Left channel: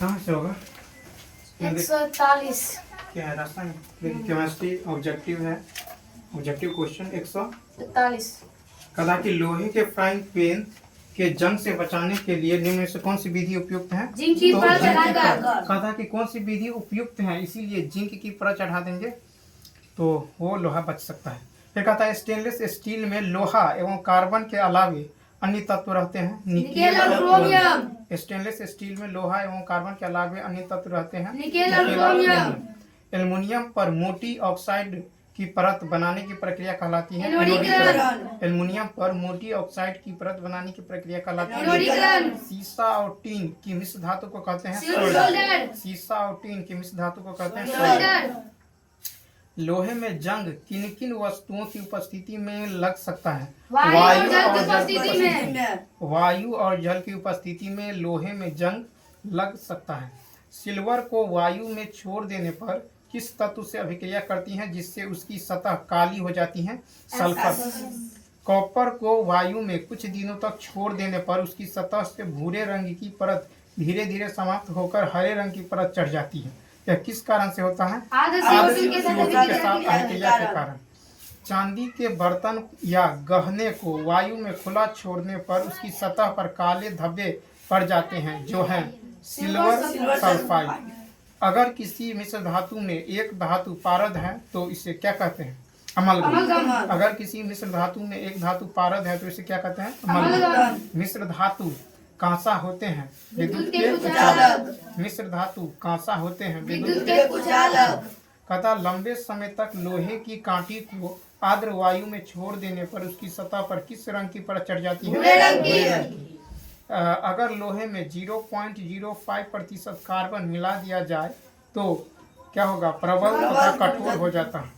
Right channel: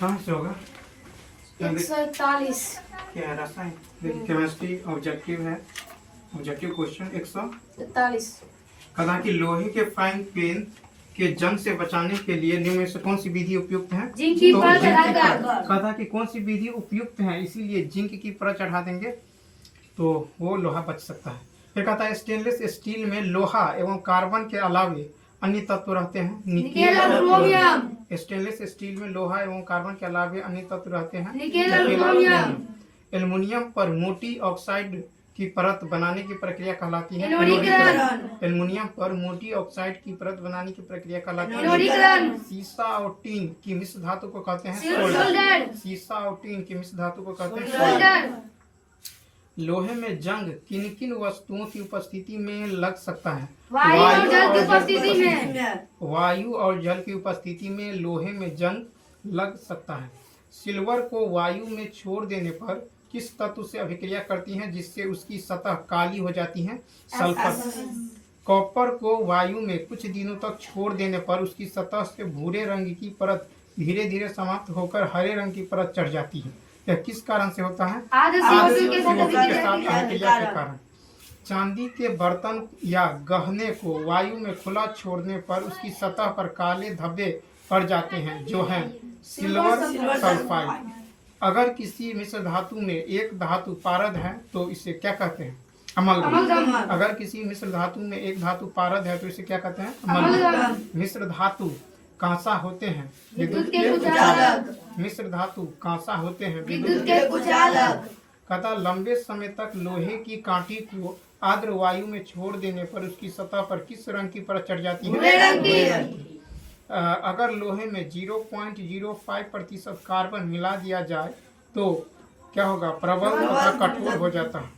कहाँ से होगा? 143। क्या है? रसायन। देखिए केमिस्ट्री ऑब्जेक्टिव है। Objective question 143। कदा कि लोहे के फ्राइंग पैन के जंग से बचाने के लिए निम्न में से कौन सी विधि उपयुक्त है? जिंक की परत चढ़ाकर। कदा कि कौन सी विधि उपयुक्त है, इसीलिए जिंक की परत चढ़ा देंगे तो वो लोहा बच सकता है। फिर कहता है स्टेनलेस स्टील में लोहा एवं कार्बन के अलावे अन्य तत्व रहते हैं। निकेल और क्रोमियम। स्टेनलेस स्टील में लोहा एवं कार्बन के अलावे अन्य तत्व रहते हैं। निकेल और क्रोमियम। एल्युमिनियम पर मोटी ऑक्साइड की परत बनाने की प्रक्रिया कहलाती है एनोडीकरण। एल्युमिनियम पर मोटी ऑक्साइड की परत बनाने की प्रक्रिया कहलाती है एनोडीकरण। सीसा और टीन की मिश्र धातु को कहते हैं सोल्डर। सीसा और टीन की मिश्र धातु को कहते हैं सोल्डर। लोहे में जंग किन किन वस्तुओं की उपस्थिति में लग सकता है? वायु और जल की उपस्थिति में। वायु और जल की उपस्थिति में लोहे में जंग लग सकता है। सिल्वर को वायु में छोड़ देने पर किस तत्व से अभिक्रिया करती है जिससे उसकी सतह काली हो जाती है? सल्फर। कॉपर को वायु में कुछ दिनों तक छोड़ देने पर उसकी सतह से भूरे रंग की परत धीरे धीरे समाप्त होकर हरे रंग की परत चढ़ जाती है। यह किस कारण से होता है? CO2 के साथ अभिक्रिया के कारण। चांदी के बर्तन या गहने को वायु में खुला छोड़ने पर उसकी सतह पर काले धब्बे पड़ जाते हैं जो हैं सिल्वर सल्फाइड। अगर किसी मिश्र धातु में एक धातु पारद है तो इसे क्या कहते हैं? अमलगम। अगर किसी मिश्र धातु में एक धातु पारद है तो इसे क्या कहते हैं? अमलगम। मिश्र धातु कांसा होते हैं विद्युत के कुचालक। मिश्र धातु कांसा होते हैं विद्युत के कुचालक। कथा लंबे समय तक लोहे की कांटी को आर्द्र वायु में छोड़ देने पर उसकी सतह पर किस रंग की परत चढ़ जाती है? भूरे रंग की। अगर लोहे में 0.05% कार्बन मिला दिया जाए तो क्या होगा? प्रबल तथा कठोर हो जाता है।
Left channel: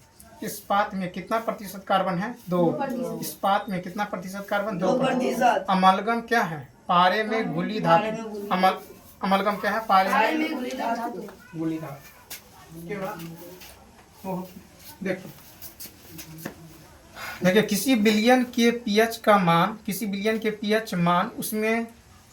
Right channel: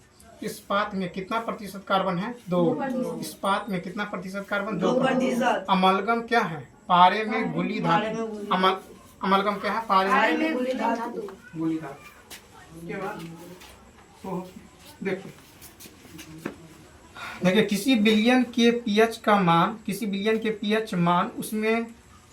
इस्पात में कितना प्रतिशत कार्बन है? 2। इस्पात में कितना प्रतिशत कार्बन? 2%। अमलगम क्या है? पारे में घुली धातु। अमलगम क्या है? पारे में घुली धातु। उसके बाद देखिए किसी बिलियन के पीएच मान उसमें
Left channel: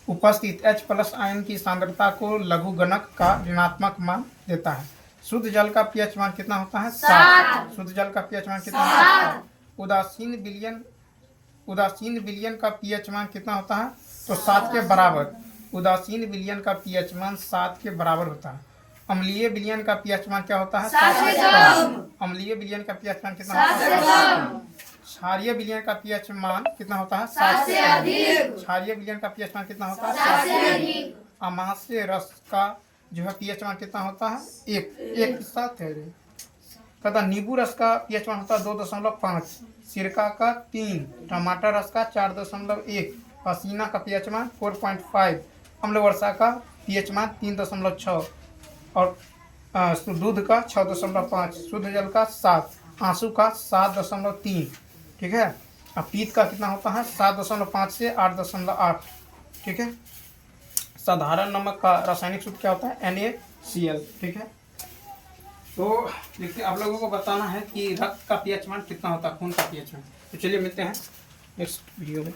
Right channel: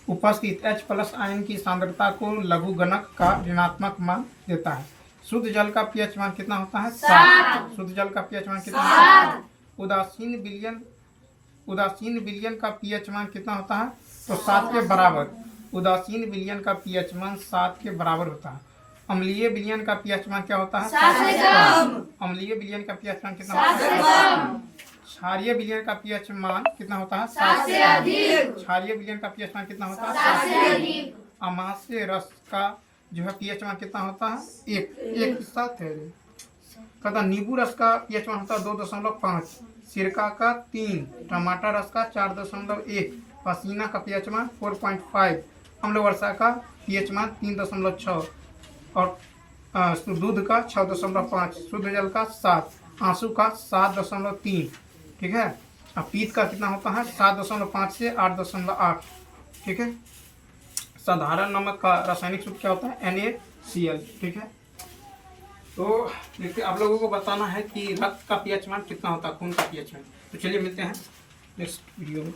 उपस्थित H+ आयन की सांद्रता को लघुगणक का ऋणात्मक मान देता है। शुद्ध जल का पीएच मान कितना होता है? 7। शुद्ध जल का पीएच मान कितना होता है? उदासीन विलयन का पीएच मान कितना होता है? तो 7 के बराबर। उदासीन विलयन का पीएच मान 7 के बराबर होता है। अम्लीय विलयन का पीएच मान क्या होता है? 7 से कम। अम्लीय विलयन का पीएच मान कितना होता है? क्षारीय विलयन का पीएच मान कितना होता है? 7 से अधिक। क्षारीय विलयन का पीएच मान कितना होता है? 7 से अधिक। अमाशय रस का जो है पीएच मान कितना होता है? 1 साथ है। कहता नींबू रस का पीएच मान होता है 2.5, सिरका का 3, टमाटर रस का 4.1, पसीना का पीएच मान 4.5, अम्ल वर्षा का पीएच मान 3.6 और दूध का 6.5, शुद्ध जल का 7, आंसू का 7.3। ठीक है। अब पीत का कितना होता है? 7.5 से 8.8। ठीक है। साधारण नमक का रासायनिक सूत्र क्या होता है? NaCl। ठीक है। तो देखिए आप लोगों को बताना है कि रक्त का पीएच मान कितना होता है, खून का पीएच मान। तो चलिए मिलते हैं नेक्स्ट वीडियो में।